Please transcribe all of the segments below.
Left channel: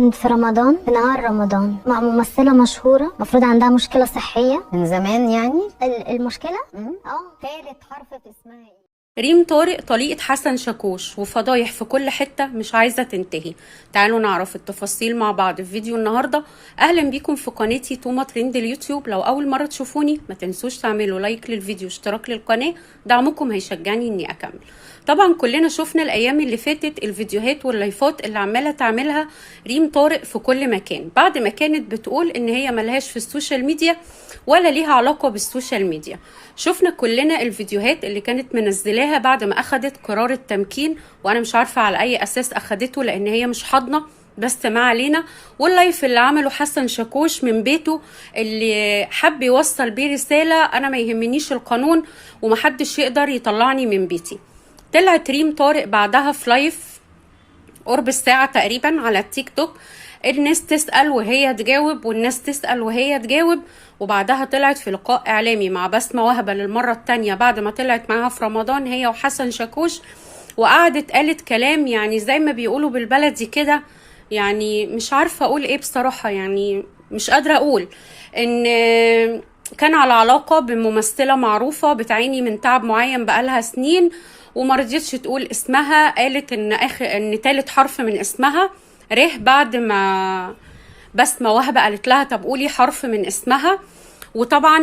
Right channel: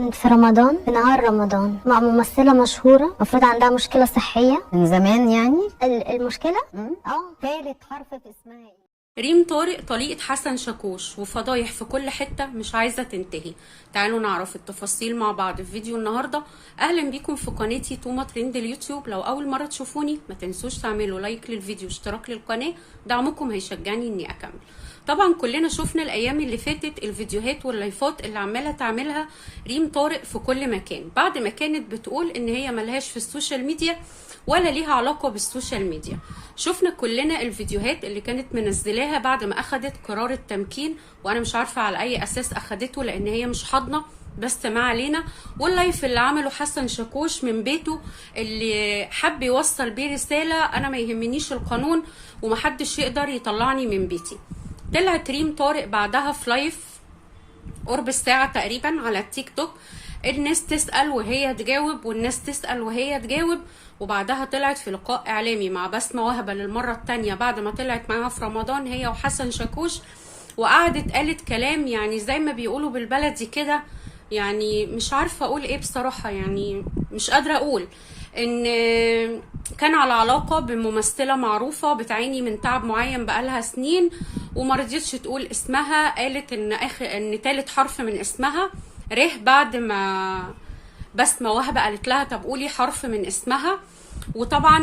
كانت في رمضان، في نهار رمضان، مع ممثلة مشهورة المفروض عندها مشكلة صحية من زمان يعني. المشكلة ثالث حرف في اسمها ايه؟ ريم طارق طليقة حسن شاكوش، وفضايح في كل حتة مش عايزة تنتهي. تعالوا نعرف التفاصيل مع بعض في فيديو النهاردة. أهلا بيكم في قناتي توما ترند اليوتيوب. لو أول مرة تشوفوني ما تنسوش تعملوا لايك للفيديو، اشتراك للقناة، دعمكم هيشجعني إني أكمل. طبعا كلنا شفنا الأيام اللي فاتت الفيديوهات واللايفات اللي عمالة تعملها ريم طارق في كل مكان، بعد ما كانت بتقول إن هي ملهاش في السوشيال ميديا ولا ليها علاقة بالسوشيال ميديا. شفنا كلنا الفيديوهات اللي كانت منزلاها بعد ما اخدت قرار التمكين، وانا مش عارفة على اي اساس اخدته لان هي مش حاضنة، بس ما علينا. واللايف اللي عمله حسن شاكوش من بيته اللي حب يوصل بيه رسالة: انا ما يهمنيش القانون ومحدش يقدر يطلعني من بيتي. طلعت ريم طارق بعدها في لايف قرب الساعة تقريبا على التيك توك، الناس تسأل وهي تجاوب والناس تسأل وهي تجاوب. وبعدها طلعت في لقاء إعلامي مع بسمة وهبة للمرة التانية بعد ما طلعت معاها في رمضان هي وحسن شاكوش، وقعدت قالت كلام يعني زي ما بيقولوا بالبلدي كده، يعني مش عارفة أقول إيه بصراحة، يعني مش قادرة أقول إن كان على علاقة بممثلة معروفة بتعاني من تعب معين بقالها سنين ومرضيتش تقول اسمها. قالت إن تالت حرف من اسمها ره، بعد ما بسمة وهبة قالت لها طب قولي حرف من اسمها. وطبعا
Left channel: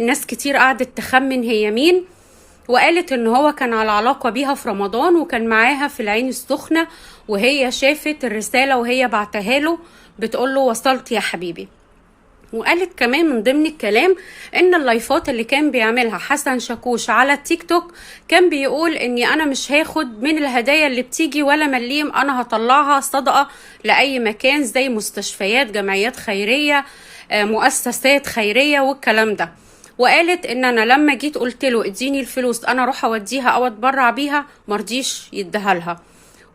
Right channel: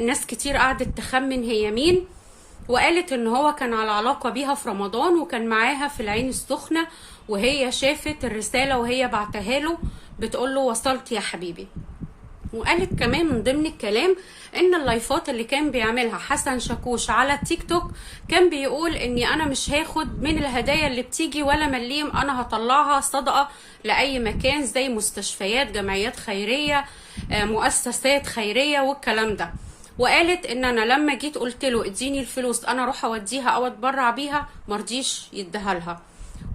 ناس كتير قعدت تخمن هي مين، وقالت ان هو كان على علاقة بيها في رمضان وكان معاها في العين السخنة، وهي شافت الرسالة وهي بعتها له بتقول له وصلت يا حبيبي. وقالت كمان من ضمن الكلام ان اللايفات اللي كان بيعملها حسن شاكوش على التيك توك كان بيقول اني انا مش هاخد من الهدايا اللي بتيجي ولا مليم، انا هطلعها صدقة لاي مكان زي مستشفيات، جمعيات خيرية، مؤسسات خيرية والكلام ده. وقالت ان انا لما جيت قلت له اديني الفلوس انا اروح اوديها او اتبرع بيها مرضيش يديها لها،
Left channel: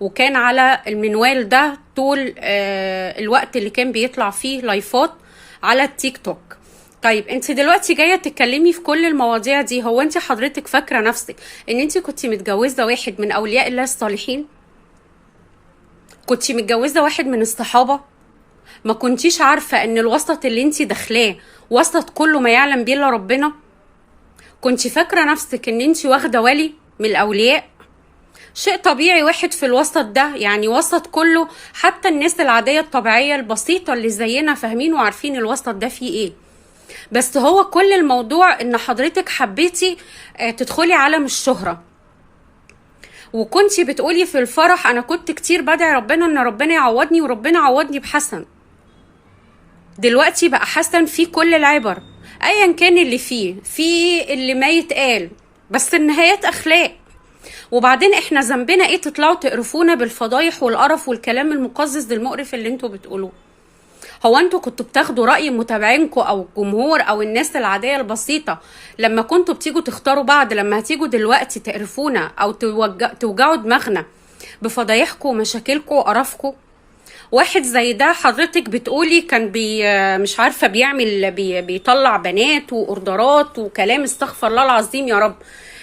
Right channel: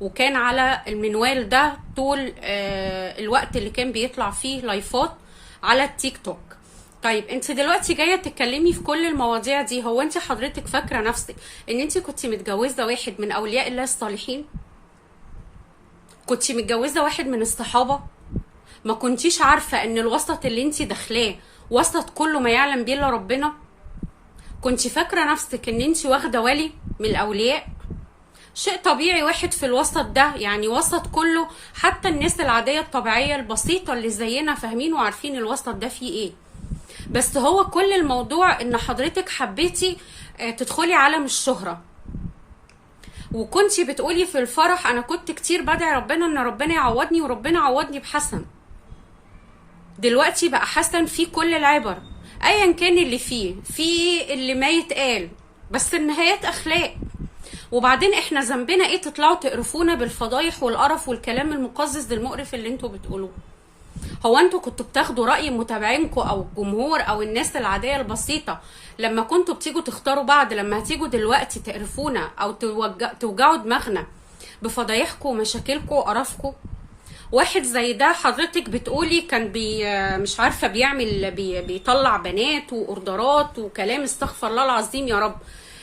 وكان على المنوال ده طول الوقت اللي كان بيطلع فيه لايفات على التيك توك. طيب انت دلوقتي جايه تتكلمي في كل المواضيع دي، هو انت حضرتك فاكره نفسك ان انت كنت متجوزه واحد من اولياء الله الصالحين؟ كنت متجوزه واحد من الصحابه؟ ما كنتيش عارفه ان الوسط اللي انت داخلاه وسط كله ما يعلم بيه الا ربنا؟ كنت فاكره نفسك ان انت واخده ولي من الاولياء؟ شيء طبيعي واحد في الوسط ده، يعني وسط كله، حتى الناس العادية الطبيعية البسيطة اللي زينا فاهمين وعارفين الوسط ده فيه ايه. بس هو كل الموضوع ان حضرتك حبيتي تدخلي عالم الشهرة، وكنتي بتقولي في الفرح انا كنت كتير بدعي ربنا ان ربنا يعوضني، وربنا عوضني بحسن. دلوقتي بقى حسن فيه كل العبر، ايا كان اللي فيه اللي ما يتقال، بس النهايات اخلاق. وبعدين احنا ذنبنا ايه تطلعوا تقرفونا بالفضايح والقرف والكلام المقزز المقرف اللي انتوا بتقولوه؟ هو انتوا كنتوا بتاخدوا رأي متابعينكم او الجمهور او الناس العادية البسيطة لما كنتوا بتيجوا تختاروا بعض؟ لما هتيجوا دلوقتي تقرفونا او توجعوا دماغنا بفضايحكم ومشاكلكم وقرفكم؟ واحد زي ده حضرتك بتقولي كان مش عارفة بيطلع بنات واوردرات وكلام، استغفر الله العظيم يا رب.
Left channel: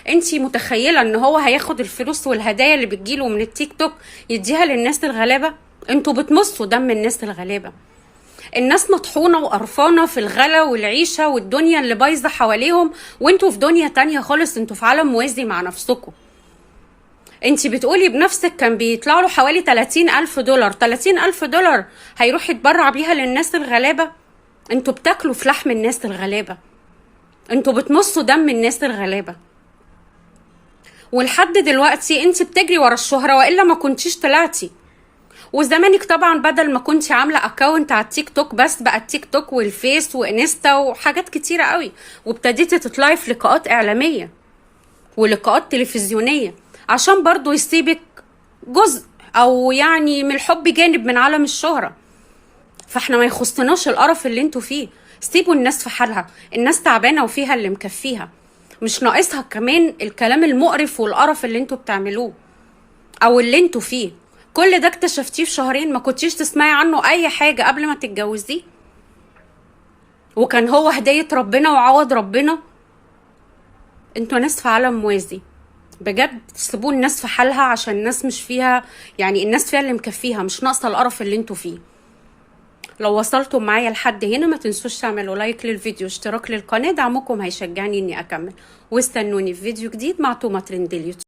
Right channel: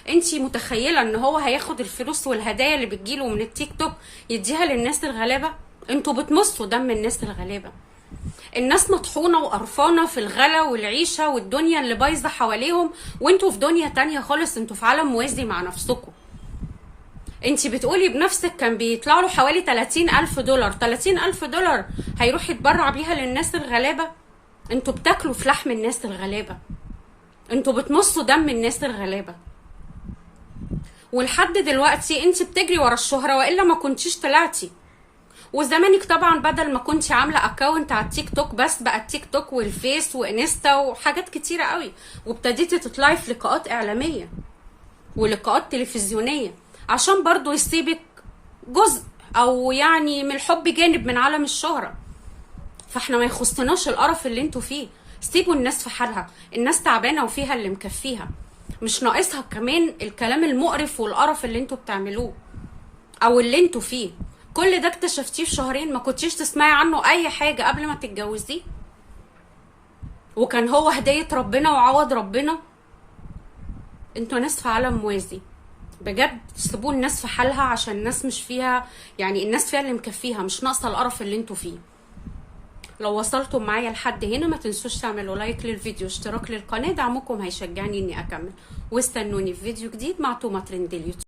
انتي متخيلة ان هو هياخد الفلوس والهدايا اللي بتجيله من التيك توك يديها للناس الغلابة؟ انتوا بتمصوا دم الناس الغلابة. الناس مطحونة وقرفانة في الغلا والعيشة والدنيا اللي بايظة حواليهم، وانتوا في دنيا تانية خالص، انتوا في عالم موازي مع نفسكم. انتي بتقولي بنفسك كان بيطلع له حوالي 30,000 دولار. 30,000 دولار هيروح يتبرع بيها للناس الغلابة؟ انتوا بتاكلوا في لحم الناس الغلابة، انتوا بتمصوا دم الناس الغلابة. ولحد دلوقتي انت بتجري ورا الشهرة، وإلا ما كنتيش طلعتي. وزمانك طبعا بدل ما كنتي عاملة اكاونت على التيك توك بس، بقى التيك توك والفيس وانستا وحاجات كتيرة قوي، وابتديتي تطلعي في لقاءات اعلامية ولقاءات تلفزيونية عشان برضو يسيبك جزء او يعني من الحب جانب من عالم الشهرة. فاحنا ما يخصناش القرف اللي انتوا فيه، سيبوا الناس في حالها، الناس تعبانة وفيها اللي مكفيها، مش ناقصها كمان الكلام المقرف والقرف اللي انتوا بتعملوه او اللي انتوا فيه. كل ده اكتشفتيه في شهرين؟ ما كنتيش تسمعي عنه اي حاجة قبل ما تتجوزيه؟ وكان هو هداية ربنا وعوض ربنا؟ انتوا ناس في عالم موازي بجد. سيبوا الناس في حالها عشان الناس مش فيها، يعني الناس فيها اللي مكفيها، مش ناقصة القرف اللي انتوا فيه. لو وصلتم معايا لحد هنا ما تنسوش تعملوا لايك للفيديو، اشتراك للقناة، دعمكم هيشجعني اني اكمل، واستنوني في فيديو جديد مع تومة ترند اليوتيوب.